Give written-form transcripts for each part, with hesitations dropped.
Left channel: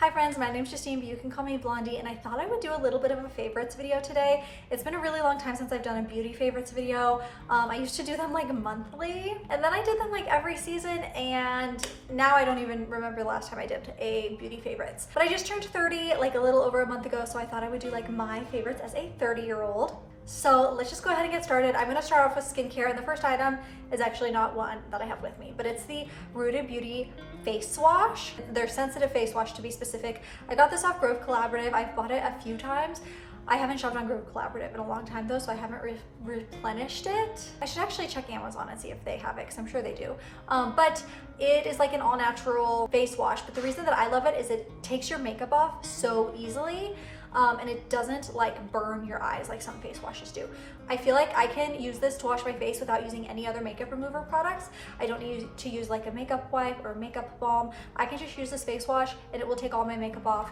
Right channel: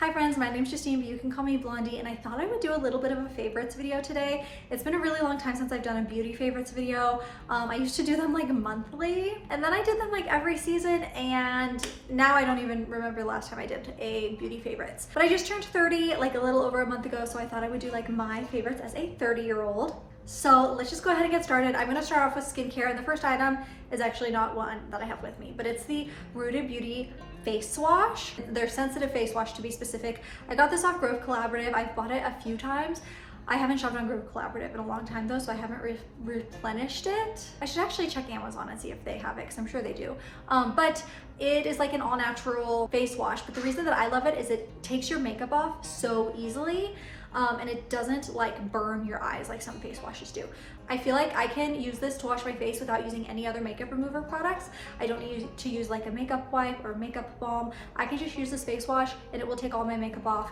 Hi friends, my name's Justine, but you can call me Blondie, and I thought I would do a little bit of a favorites video today. It's been a really long time since I've done a beauty favorites video. I used to do them like monthly, and then I did them like every season, and now I don't even remember the last time I did a beauty favorites. But I just turned 30 like a little over a month ago, so I thought I would do like my favorites as a 30-year-old. So let's just go ahead and get started. I'm gonna start off with skincare, and the first item is actually not one that I have with me, but it's the Rooted Beauty face wash. Their sensitive face wash, to be specific. I got this off Grove Collaborative. I've bought it a few times. I haven't shopped on Grove Collaborative in a long time though, so I haven't replenished it. I should actually check Amazon and see if they have it, because I'm sure they do. But it is like an all natural face wash, but the reason that I love it is it takes your makeup off so easily. And it doesn't like burn your eyes like some face washes do. I feel like I can use this to wash my face without using any other makeup remover products. I don't need to use like a makeup wipe or makeup balm. I can just use this face wash and it will take all my makeup off.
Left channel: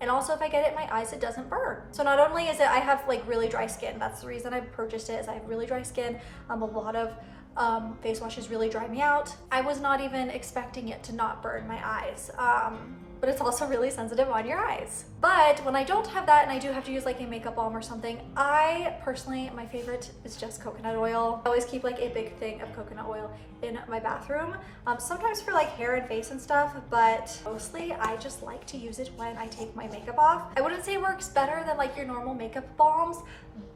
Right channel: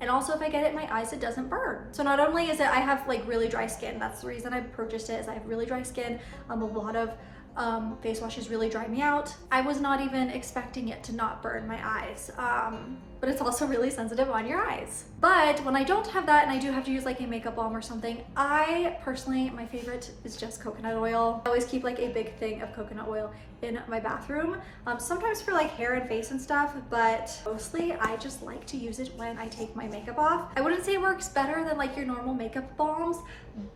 And also if I get it in my eyes, it doesn't burn. So not only is it, I have like really dry skin. That's the reason I purchased it, is I have really dry skin. A lot of face washes really dry me out. I was not even expecting it to not burn my eyes. But it's also really sensitive on your eyes. But when I don't have that and I do have to use like a makeup balm or something, I personally, my favorite is just coconut oil. I always keep like a big thing of coconut oil in my bathroom, sometimes for like hair and face and stuff, but mostly I just like to use it when I take my makeup off. I wouldn't say it works better than like your normal makeup balms,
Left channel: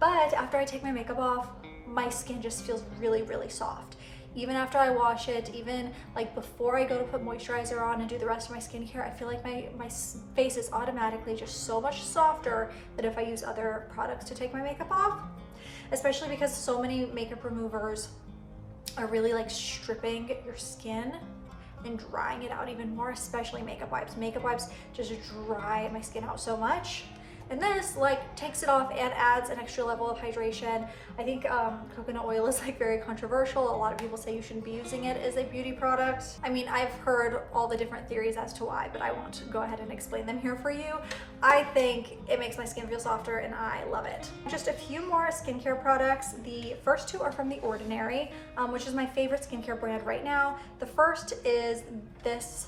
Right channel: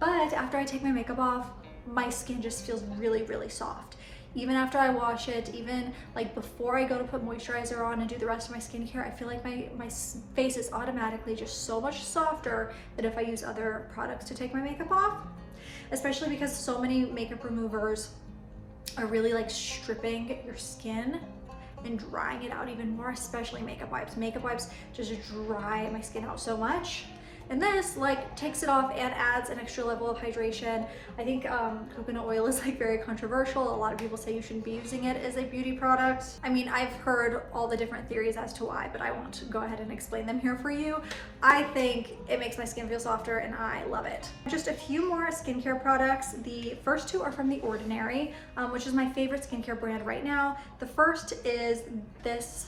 but after I take my makeup off, my skin just feels really, really soft. Even after I wash it, even like before I go to put moisturizer on and do the rest of my skincare, I feel like my face is automatically just so much softer than if I use other products to take my makeup off. Especially because so many makeup removers are really like stripping your skin and drying it out even more, especially makeup wipes. Makeup wipes just dry my skin out so much. And this like takes it off and adds an extra level of hydration. I think coconut oil is like very controversial. A lot of people say you shouldn't be using it as a beauty product. I mean, I've heard all the different theories as to why, but I won't go ahead and explain them here for you. I think it makes my skin feel softer and I love it. Just a few more skincare products. The first two are from The Ordinary, which is my favorite skincare brand right now. The first is this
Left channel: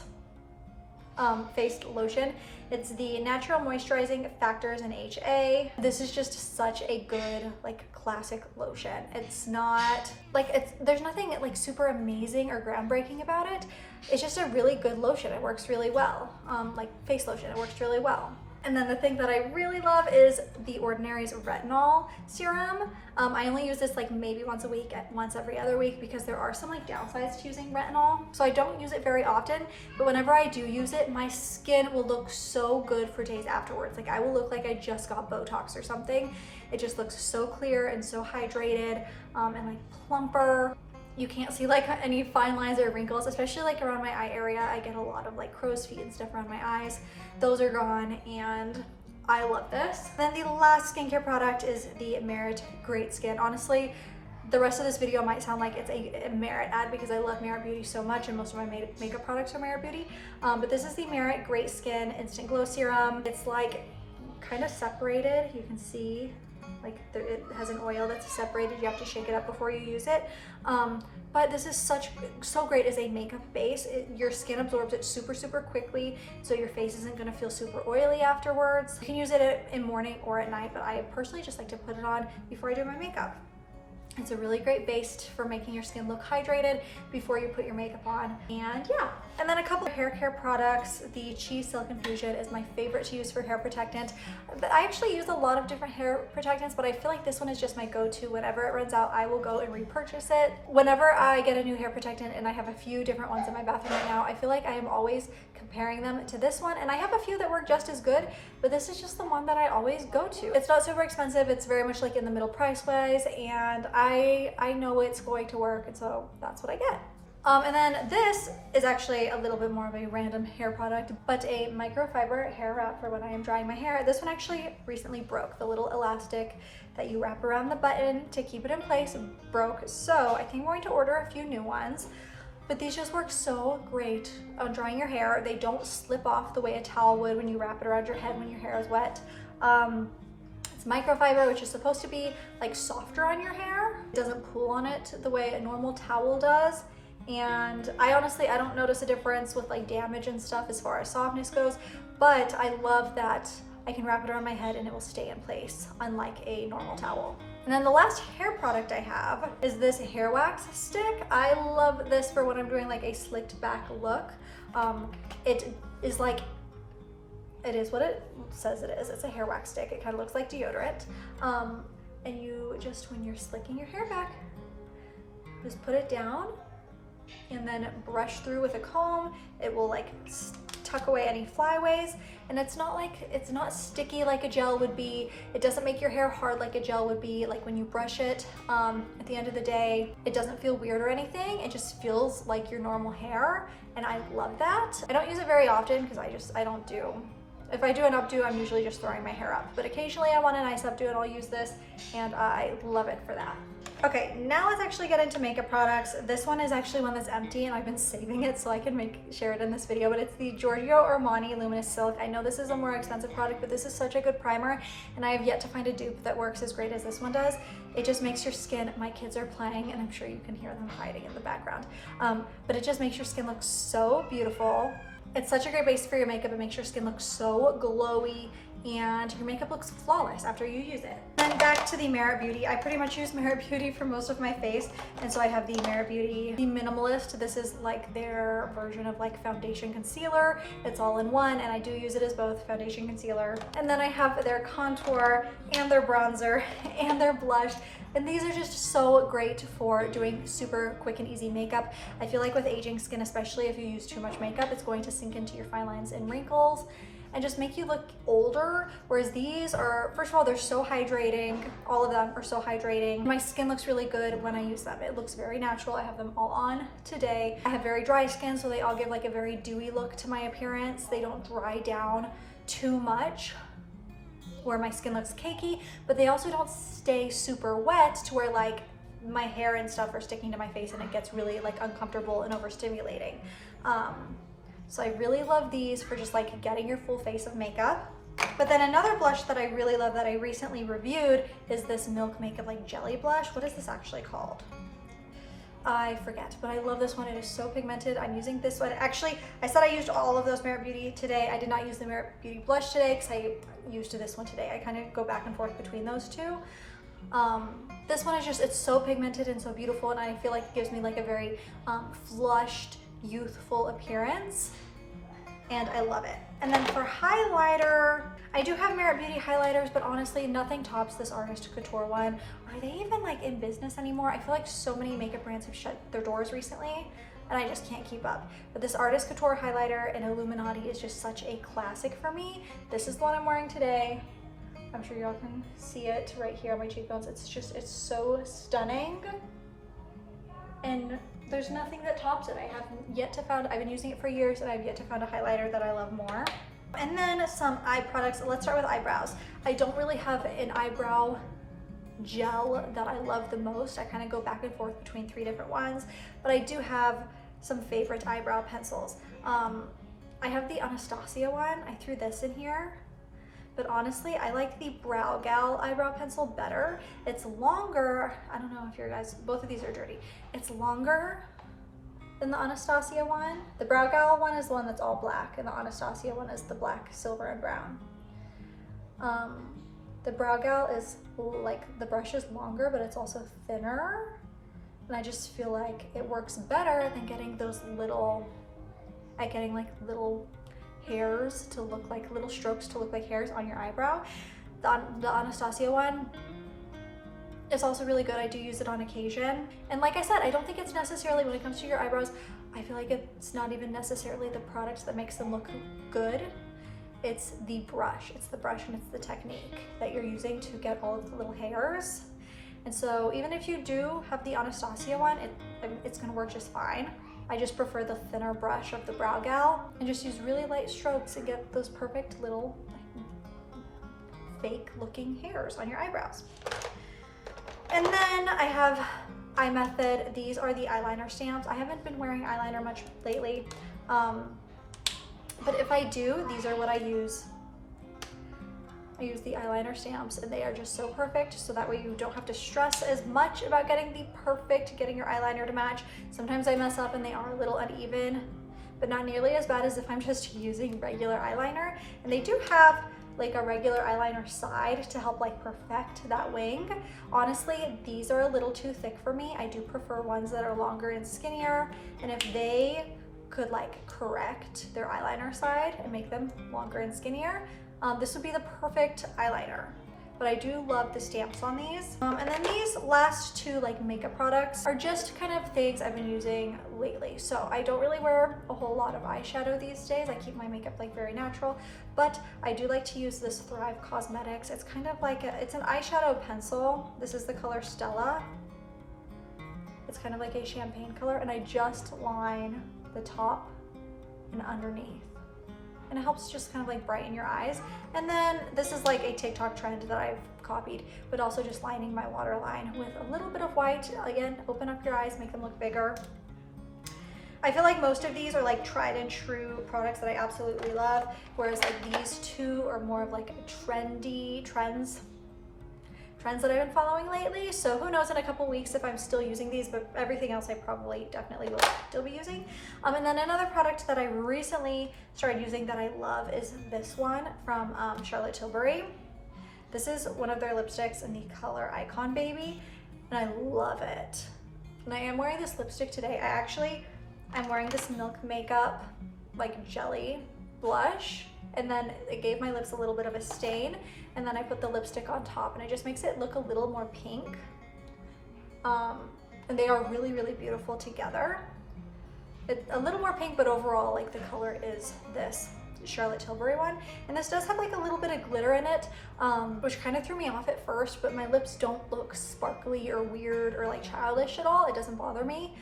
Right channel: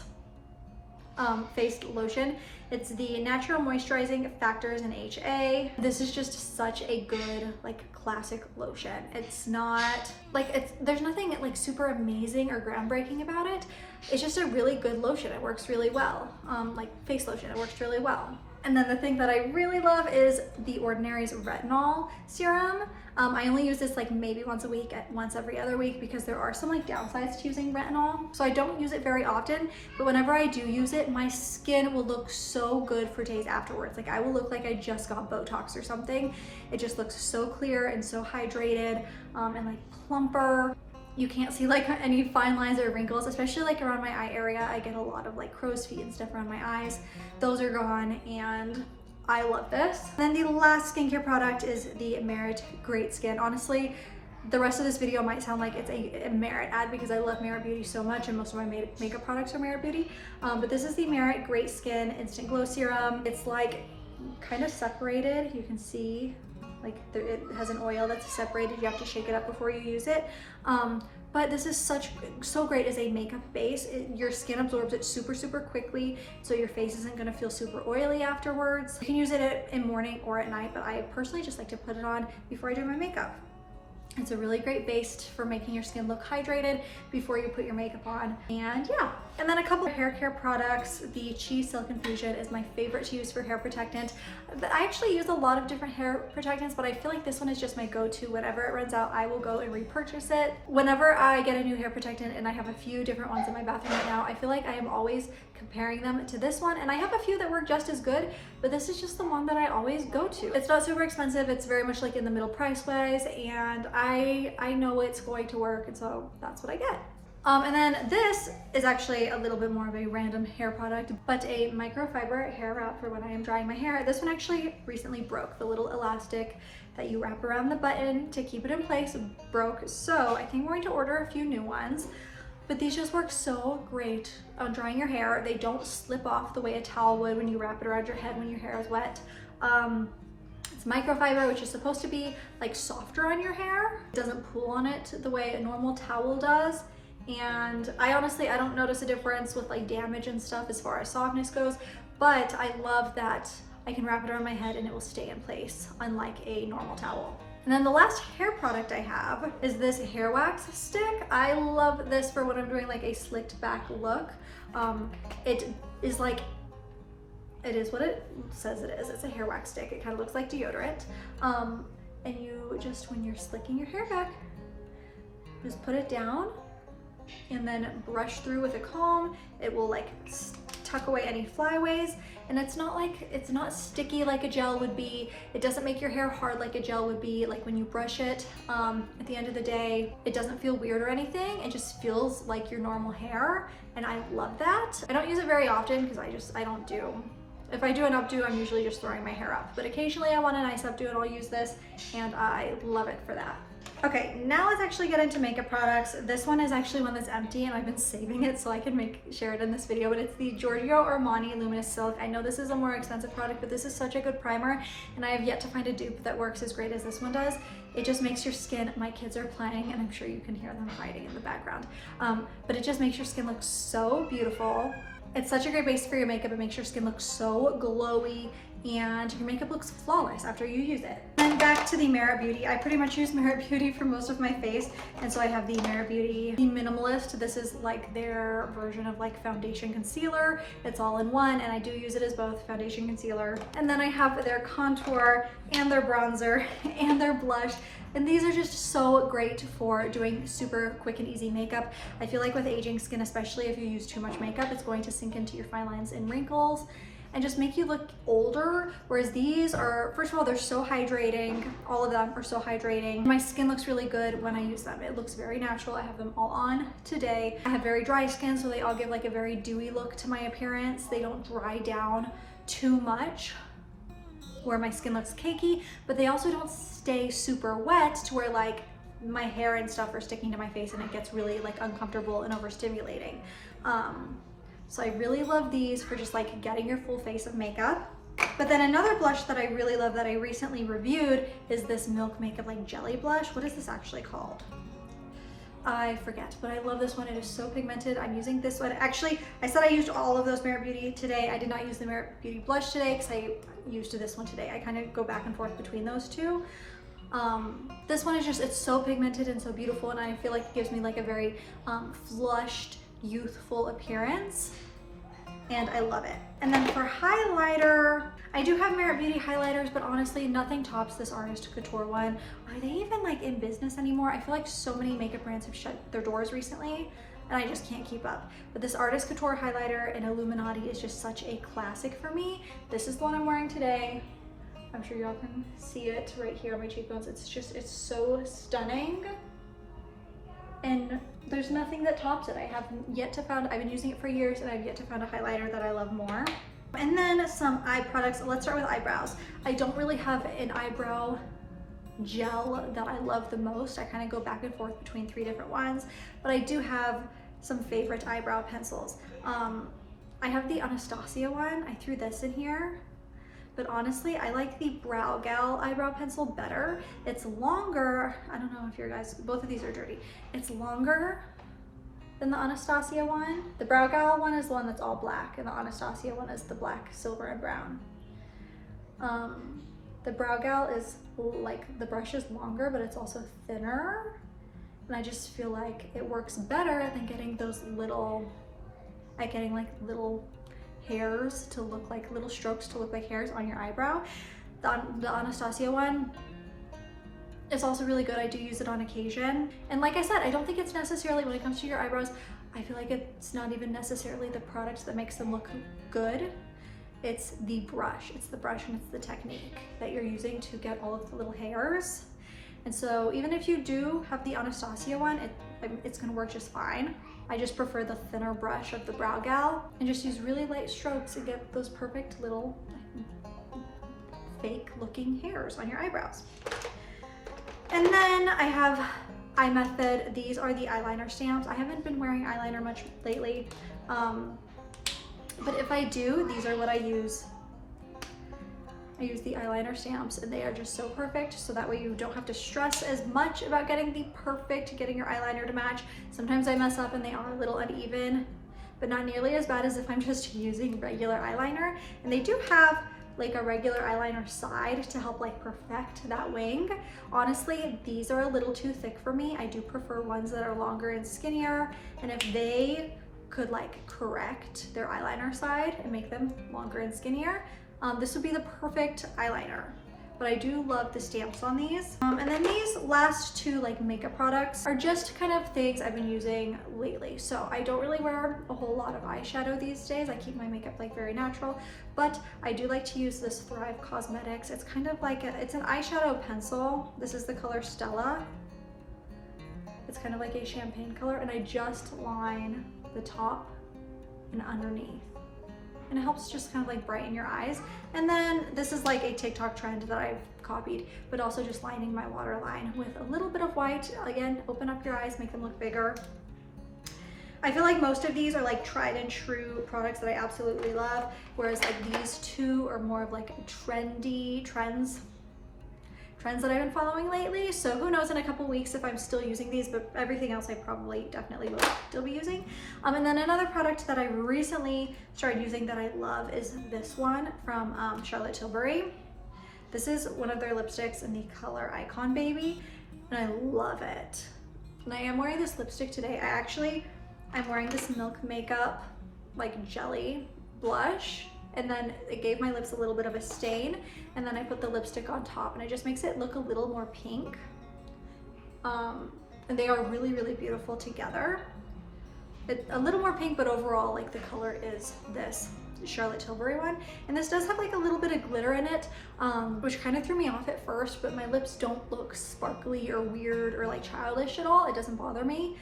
face lotion. It's the Natural Moisturizing Factors in HA. This is just such a good like classic lotion. It's not like there's nothing like super amazing or groundbreaking about it. It's just a really good lotion. It works really well. Like face lotion, it works really well. And then the thing that I really love is The Ordinary's retinol serum. I only use this like maybe once a week, once every other week, because there are some like downsides to using retinol. So I don't use it very often, but whenever I do use it, my skin will look so good for days afterwards. Like I will look like I just got Botox or something. It just looks so clear and so hydrated and like plumper. You can't see like any fine lines or wrinkles, especially like around my eye area. I get a lot of like crow's feet and stuff around my eyes. Those are gone and I love this. And then the last skincare product is the Merit Great Skin. Honestly, the rest of this video might sound like it's a Merit ad because I love Merit Beauty so much and most of my makeup products are Merit Beauty. But this is the Merit Great Skin Instant Glow Serum. It's like kind of separated. You can see like it has an oil that's separated. You have to shake it up before you use it. But this is so great as a makeup base. Your skin absorbs it super quickly, so your face isn't gonna feel super oily afterwards. You can use it in morning or at night, but I personally just like to put it on before I do my makeup. It's a really great base for making your skin look hydrated before you put your makeup on. And yeah, and then a couple of hair care products. The Cheese Silk Infusion is my favorite to use for hair protectant. I actually use a lot of different hair protectants, but I feel like this one is just my go-to. Whenever it runs out, I will go and repurchase it. Whenever I get a new hair protectant, and I have a few different ones in my bathroom right now, I feel like I am always comparing them to this one, and I have a few that work just as good, but this is just the one that I always go to. It's not super expensive. It's very much like in the middle price wise, and I know it's going to work, and so that's what I get. And then this is actually a little bit more of a random hair product, but a microfiber hair wrap for when I am drying my hair. This one actually recently broke. The little elastic that you wrap around the button to keep it in place broke, so I think I'm going to order a few new ones. But these just work so great on drying your hair. They don't slip off the way a towel would when you wrap it around your head when your hair is wet. It's microfiber, which is supposed to be like softer on your hair. It doesn't pull on it the way a normal towel does. And I honestly don't notice a difference with like damage and stuff as far as softness goes, but I love that I can wrap it around my head and it will stay in place, unlike a normal towel. And then the last hair product I have is this hair wax stick. I love this for when I'm doing like a slicked back look. It is like, it is what it says it is. It's a hair wax stick. It kind of looks like deodorant. And you just, when you're slicking your hair back, just put it down and then brush through with a comb. It will like tuck away any flyaways, and it's not sticky like a gel would be. It doesn't make your hair hard like a gel would be. Like when you brush it, at the end of the day, it doesn't feel weird or anything. It just feels like your normal hair, and I love that. I don't use it very often because I don't do. If I do an updo, I'm usually just throwing my hair up, but occasionally I want a nice updo and I'll use this, and I love it for that. Okay, now let's actually get into makeup products. This one is actually one that's empty and I've been saving it so I can share it in this video, but it's the Giorgio Armani Luminous Silk. I know this is a more expensive product, but this is such a good primer, and I have yet to find a dupe that works as great as this one does. It just makes your skin, my kids are playing and I'm sure you can hear them hiding in the background, but it just makes your skin look so beautiful. It's such a great base for your makeup. It makes your skin look so glowy and your makeup looks flawless after you use it. Then back to the Merit Beauty. I pretty much use Merit Beauty for most of my face, and so I have the Merit Beauty, the Minimalist. This is like their version of like foundation concealer. It's all in one, and I do use it as both foundation concealer. And then I have their contour and their bronzer and their blush. And these are just so great for doing super quick and easy makeup. I feel like with aging skin, especially if you use too much makeup, it's going to sink into your fine lines and wrinkles and just make you look older. Whereas these are, first of all, they're so hydrating. All of them are so hydrating. My skin looks really good when I use them. It looks very natural. I have them all on today. I have very dry skin, so they all give like a very dewy look to my appearance. They don't dry down too much where my skin looks cakey, but they also don't stay super wet to where like my hair and stuff are sticking to my face and it gets really like uncomfortable and overstimulating. So I really love these for just like getting your full face of makeup. But then another blush that I really love that I recently reviewed is this Milk Makeup like jelly blush. What is this actually called? I forget, but I love this one. It is so pigmented. I'm using this one. Actually, I said I used all of those Merit Beauty today. I did not use the Merit Beauty blush today because I used this one today. I kind of go back and forth between those two. This one is just, it's so pigmented and so beautiful, and I feel like it gives me like a very flushed, youthful appearance, and I love it. And then for highlighter, I do have Merit Beauty highlighters, but honestly, nothing tops this Artist Couture one. Are they even like in business anymore? I feel like so many makeup brands have shut their doors recently, and I just can't keep up. But this Artist Couture highlighter in Illuminati is just such a classic for me. This is the one I'm wearing today. I'm sure y'all can see it right here on my cheekbones. It's so stunning. And there's nothing that tops it. I have yet to find, I've been using it for years and I've yet to find a highlighter that I love more. And then some eye products. Let's start with eyebrows. I don't really have an eyebrow gel that I love the most. I kind of go back and forth between 3 different ones, but I do have some favorite eyebrow pencils. I have the Anastasia one. I threw this in here. But honestly, I like the Brow Gal eyebrow pencil better. It's longer. I don't know if your guys, both of these are dirty. It's longer than the Anastasia one. The Brow Gal one is the one that's all black, and the Anastasia one is the black, silver, and brown. The Brow Gal is like, the brush is longer, but it's also thinner. And I just feel like it works better than getting those little, getting like little hairs to look like, little strokes to look like hairs on your eyebrow. The Anastasia one is also really good. I do use it on occasion. And like I said, I don't think it's necessarily, when it comes to your eyebrows, I feel like it's not even necessarily the product that makes them look good. It's the brush. It's the brush and it's the technique that you're using to get all of the little hairs. And so even if you do have the Anastasia one, it's gonna work just fine. I just prefer the thinner brush of the Brow Gal and just use really light strokes to get those perfect little fake looking hairs on your eyebrows. And then I have Eye Method. These are the eyeliner stamps. I haven't been wearing eyeliner much lately, but if I do, these are what I use. I use the eyeliner stamps and they are just so perfect, so that way you don't have to stress as much about getting your eyeliner to match. Sometimes I mess up and they are a little uneven, but not nearly as bad as if I'm just using regular eyeliner. And they do have like a regular eyeliner side to help like perfect that wing. Honestly, these are a little too thick for me. I do prefer ones that are longer and skinnier, and if they could like correct their eyeliner side and make them longer and skinnier, this would be the perfect eyeliner. But I do love the stamps on these. And then these last two like makeup products are just kind of things I've been using lately. So I don't really wear a whole lot of eyeshadow these days. I keep my makeup like very natural, but I do like to use this Thrive Cosmetics. It's kind of like it's an eyeshadow pencil. This is the color Stella. It's kind of like a champagne color, and I just line the top and underneath, and it helps just kind of like brighten your eyes. And then this is like a TikTok trend that I've copied, but also just lining my waterline with a little bit of white. Again, open up your eyes, make them look bigger. I feel like most of these are like tried and true products that I absolutely love, whereas like these two are more of like trendy trends that I've been following lately. So who knows in a couple weeks if I'm still using these, but everything else I probably definitely will still be using. And then another product that I recently started using that I love is this one from Charlotte Tilbury. This is one of their lipsticks in the color Icon Baby, and I love it. And I am wearing this lipstick today. I'm wearing this Milk Makeup like jelly blush, and then it gave my lips a little bit of a stain, and then I put the lipstick on top, and it just makes it look a little more pink. And they are really, really beautiful together. It's a little more pink, but overall like the color is this Charlotte Tilbury one. And this does have like a little bit of glitter in it, which kind of threw me off at first, but my lips don't look sparkly or weird or like childish at all. It doesn't bother me.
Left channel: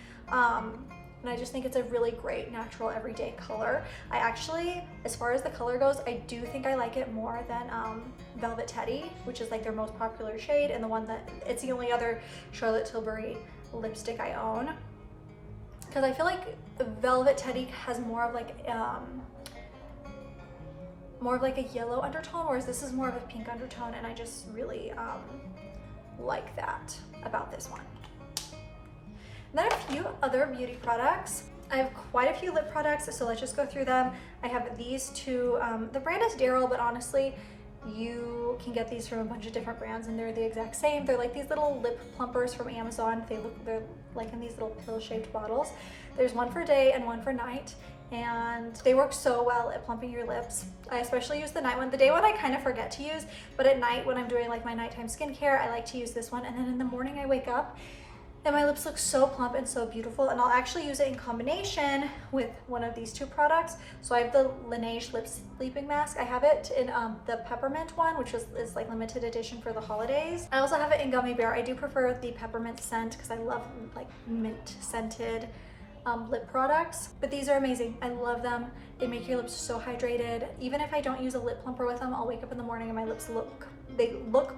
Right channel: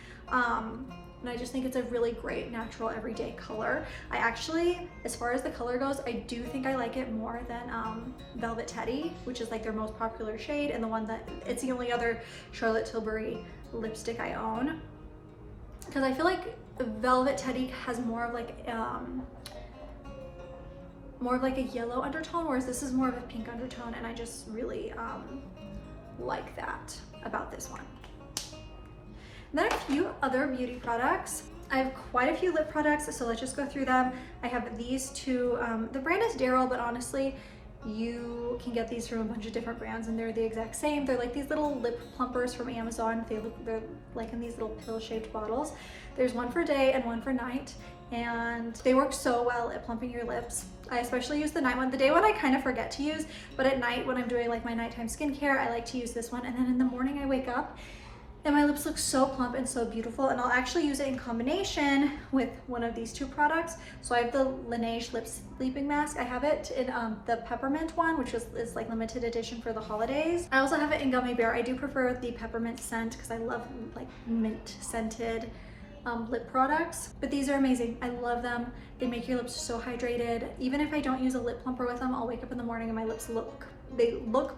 And I just think it's a really great natural everyday color. I actually, as far as the color goes, I do think I like it more than Velvet Teddy, which is like their most popular shade, and the one that, it's the only other Charlotte Tilbury lipstick I own. Because I feel like Velvet Teddy has more of like a yellow undertone, whereas this is more of a pink undertone, and I just really like that about this one. And then a few other beauty products. I have quite a few lip products, so let's just go through them. I have these two. The brand is Daryl, but honestly, you can get these from a bunch of different brands and they're the exact same. They're like these little lip plumpers from Amazon. They're like in these little pill-shaped bottles. There's one for day and one for night, and they work so well at plumping your lips. I especially use the night one. The day one I kind of forget to use, but at night when I'm doing like my nighttime skincare, I like to use this one, and then in the morning I wake up and my lips look so plump and so beautiful. And I'll actually use it in combination with one of these two products. So I have the Laneige Lip Sleeping Mask. I have it in the peppermint one, which is like limited edition for the holidays. I also have it in Gummy Bear. I do prefer the peppermint scent because I love like mint scented lip products, but these are amazing. I love them. They make your lips so hydrated. Even if I don't use a lip plumper with them, I'll wake up in the morning and my lips look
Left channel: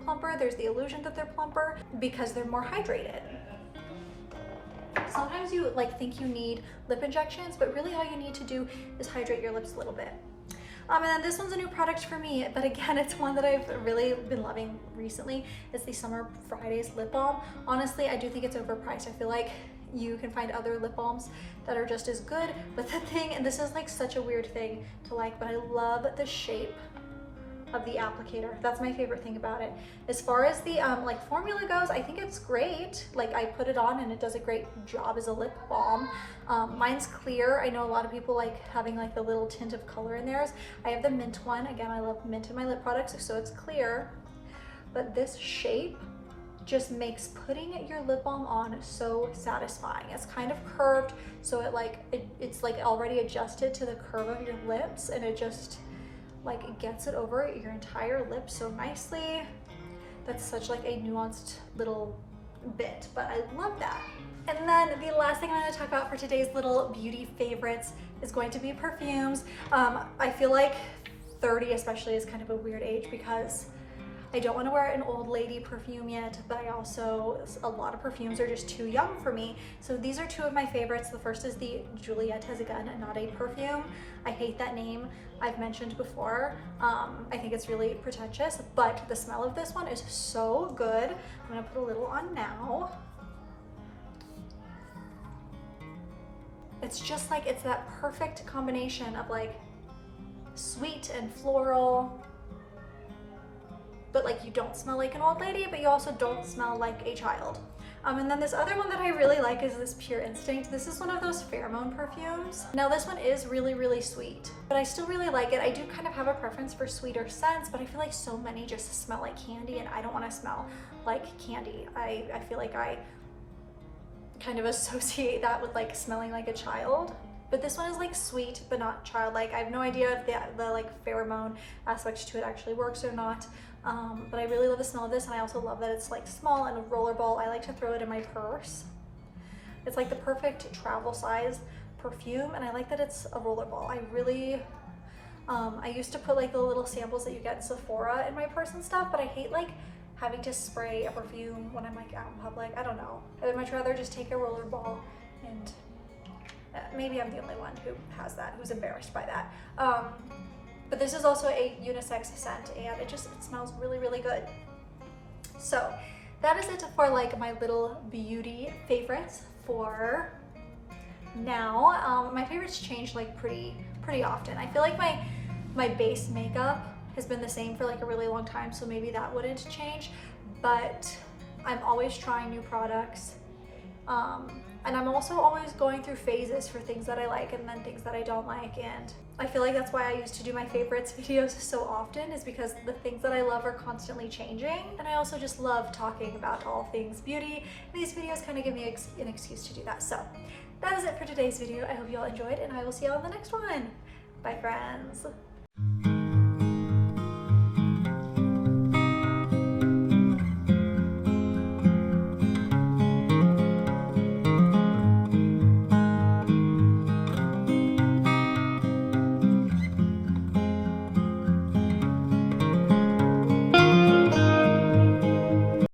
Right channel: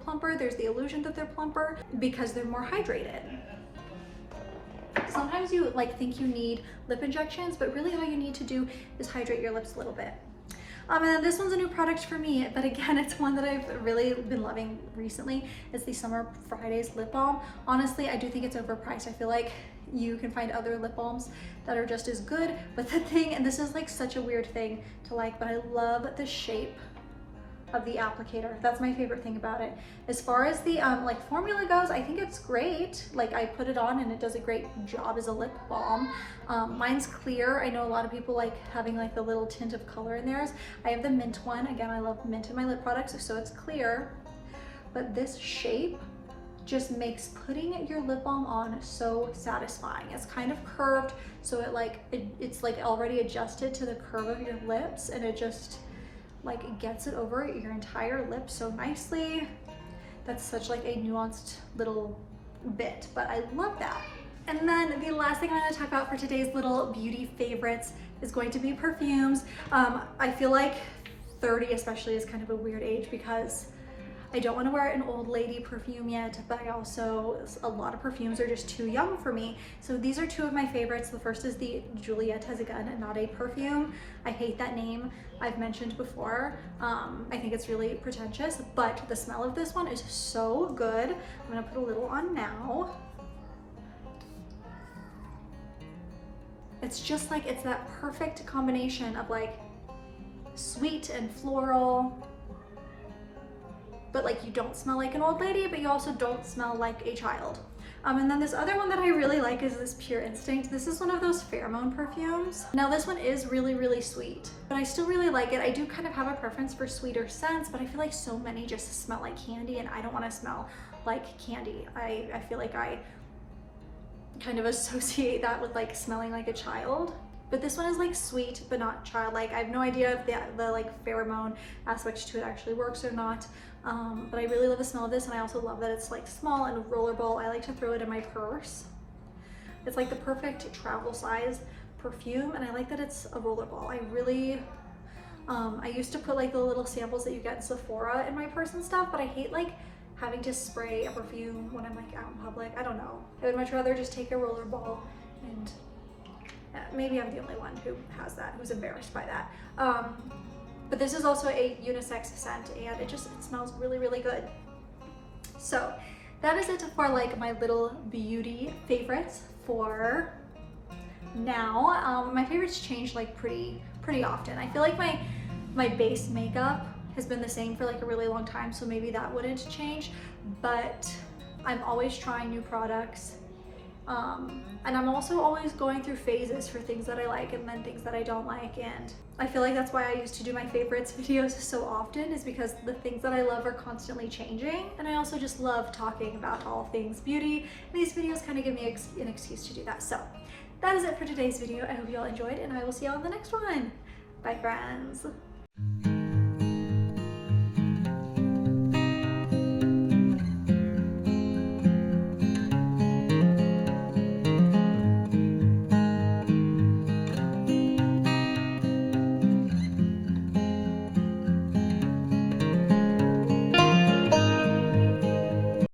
plumper. There's the illusion that they're plumper because they're more hydrated. Sometimes you like think you need lip injections, but really all you need to do is hydrate your lips a little bit. And then this one's a new product for me, but again, it's one that I've really been loving recently. It's the Summer Fridays lip balm. Honestly, I do think it's overpriced. I feel like you can find other lip balms that are just as good, but the thing, and this is like such a weird thing to like, but I love the shape of the applicator. That's my favorite thing about it. As far as the like formula goes, I think it's great. Like I put it on and it does a great job as a lip balm. Mine's clear. I know a lot of people like having like the little tint of color in theirs. I have the mint one. Again, I love mint in my lip products, so it's clear. But this shape just makes putting your lip balm on so satisfying. It's kind of curved, so it's like already adjusted to the curve of your lips, and it just like it gets it over your entire lip so nicely. That's such like a nuanced little bit, but I love that. And then the last thing I'm going to talk about for today's little beauty favorites is going to be perfumes. I feel like 30 especially is kind of a weird age because I don't want to wear an old lady perfume yet, but I also, a lot of perfumes are just too young for me. So these are two of my favorites. The first is the Juliette Has a Gun, not a perfume. I hate that name. I've mentioned before. I think it's really pretentious, but the smell of this one is so good. I'm gonna put a little on now. It's just like, it's that perfect combination of like sweet and floral, but like you don't smell like an old lady, but you also don't smell like a child. And then this other one that I really like is this Pure Instinct. This is one of those pheromone perfumes. Now this one is really, really sweet, but I still really like it. I do kind of have a preference for sweeter scents, but I feel like so many just smell like candy, and I don't want to smell like candy. I feel like I kind of associate that with like smelling like a child. But this one is like sweet, but not childlike. I have no idea if the like pheromone aspect to it actually works or not. But I really love the smell of this, and I also love that it's like small and a rollerball. I like to throw it in my purse. It's like the perfect travel size perfume, and I like that it's a rollerball. I really, I used to put like the little samples that you get in Sephora in my purse and stuff, but I hate like having to spray a perfume when I'm like out in public. I don't know. I would much rather just take a rollerball, and maybe I'm the only one who has that, who's embarrassed by that. But this is also a unisex scent, and it smells really, really good. So that is it for like my little beauty favorites for now. My favorites change like pretty often. I feel like my base makeup has been the same for like a really long time, so maybe that wouldn't change, but I'm always trying new products. And I'm also always going through phases for things that I like and then things that I don't like, and I feel like that's why I used to do my favorites videos so often, is because the things that I love are constantly changing, and I also just love talking about all things beauty, and these videos kind of give me an excuse to do that. So that is it for today's video. I hope you all enjoyed, and I will see you all in the next one. Bye, friends.